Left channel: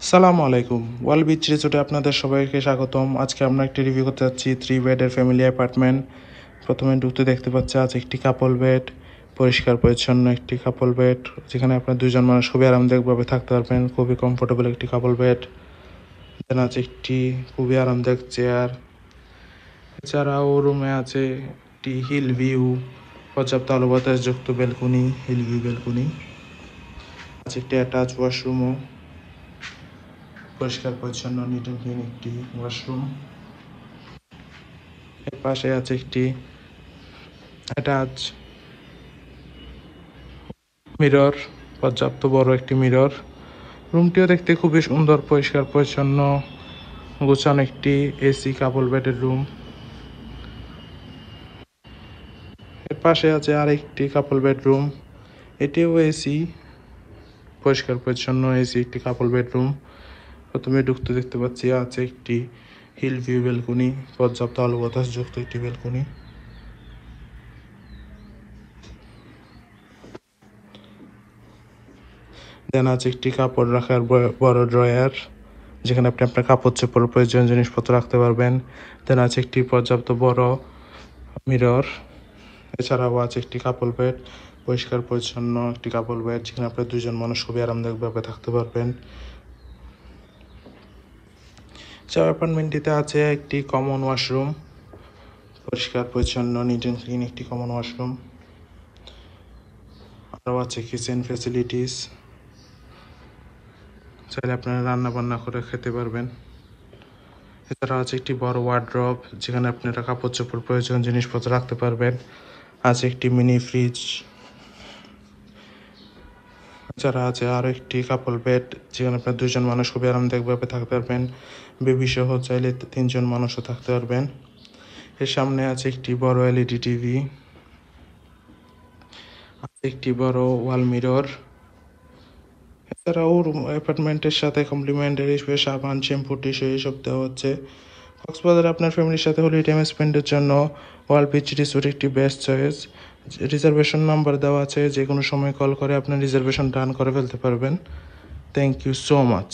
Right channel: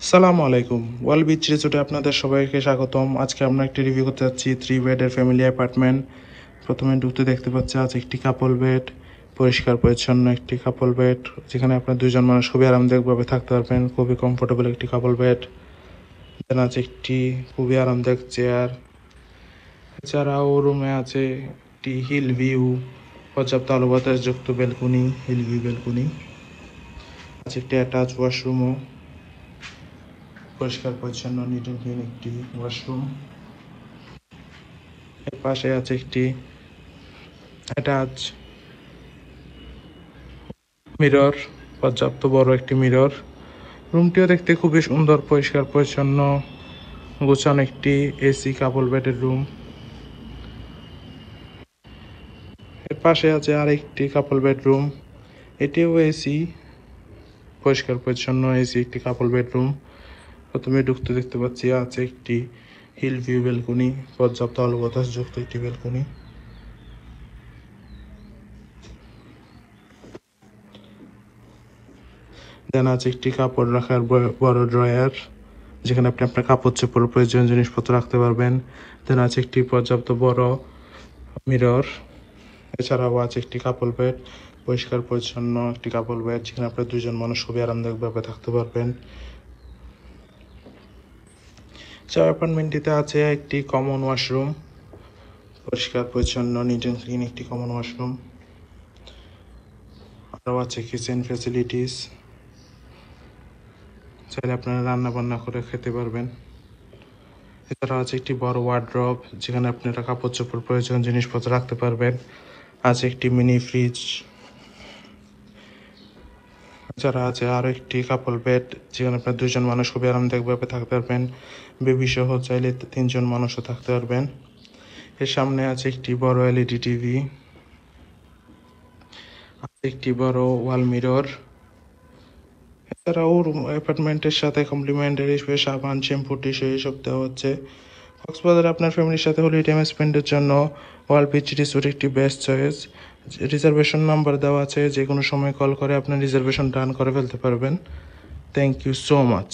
সালামু আলাইকুম। ওয়াল বিচ রিসোর্টে আপনাদের সবাইকে স্বাগতম। আজকে আমরা একটি রিভিউ করতে যাচ্ছি 3 বেডের ফ্যামিলি অ্যাপার্টমেন্ট। প্রথমে ঢুকতে দেখতে পাচ্ছি আছে একটি কাপল বেড, পরিষ্কার পরিচ্ছন্ন একটি কাপল বেড, যেখানে আপনার দুজন মানুষ খুবই আরামদায়কভাবে থাকতে পারবেন। খুবই কমফোর্টেবল একটি কাপল বেড। দেন আছে একটি খুবই আরামদায়ক চেয়ার। এছাড়াও রুমে আছে একটি হিল ভিউ, পর্যাপ্ত আলো বাতাসযুক্ত ব্যালকনি, হিল ভিউ ব্যালকনি। আছে একটি অ্যাটাচ ওয়াশরুমও, পরিষ্কার পরিচ্ছন্ন নিট অ্যান্ড ক্লিন একটি ওয়াশরুম। এর পাশে আছে একটি অ্যাটাচ মিরর, পর্যাপ্ত বড় একটি মিরর। রুমটিও দেখতে খুবই সুন্দর, পরিষ্কার পরিচ্ছন্ন, গোছানো একটি এসি কাপল বেডের রুম। এর পাশে আছে আরেকটি কাপল বেডরুম, এটিও এসি, পরিষ্কার পরিচ্ছন্ন এসি একটি কাপল বেডরুম। প্রথমে ঢুকতে দেখতে পাচ্ছি আছে একটি হিল ভিউ ব্যালকনি, পর্যাপ্ত আলো বাতাসযুক্ত একটি ব্যালকনি। দেন আছে একটি কাপড় রাখার বড় ড্রয়ার, যেখানে আপনি আপনার কাপড় চোপড় প্রয়োজনীয় জিনিসপত্র রাখতে পারবেন। দেন আছে একটি পর্যাপ্ত বড় মিরর। এছাড়াও আছে একটি কাপল বেড, পরিষ্কার পরিচ্ছন্ন একটি কাপল বেড, যেখানে আপনার দুজন মানুষ খুবই আরামদায়কভাবে থাকতে পারবেন। অ্যাপার্টমেন্টটিতে আছে একটি কমন ওয়াশরুম, পরিষ্কার পরিচ্ছন্ন নিট অ্যান্ড ক্লিন একটি কমন ওয়াশরুম। আরও আছে কিচেন ফ্যাসিলিটিস, চাইলে আপনারা রান্না বান্না করে খেতে পারবেন। এছাড়া আছে একটি বড় ওয়ার্ড্রব, যেখানে আপনারা কাপড় চোপড় প্রয়োজন জিনিসপত্র রাখতে পারবেন। আছে একটি মিনি ফ্রিজ। এছাড়া আছে আরও একটি কাপল বেড, যেখানে আপনার দুজন মানুষ খুবই আরামদায়কভাবে থাকতে পারবেন। বেবি সহ চাইলে 3জন মানুষও থাকতে পারবেন। এর সামনে আছে একটি বড় এলইডি টিভি, আছে একটি বড় ওয়াল মিরর। এছাড়াও অ্যাপার্টমেন্টের সাথে কমপ্লিমেন্টারি সাবান, শ্যাম্পু, টিস্যু এইসব দেওয়া হচ্ছে। কক্সবাজারে আপনার ফ্যামিলির সাথে হলিডে টাইম স্পেন্ডের জন্য ওয়াল বিচ রিসোর্ট একটি বেস্ট চয়েস। রিজার্ভেশন নাম্বার দেওয়া আছে, যে কোনো সময় কল করে আপনার রিজার্ভেশন ডান করে ফেলতে পারবেন। Thank you so much.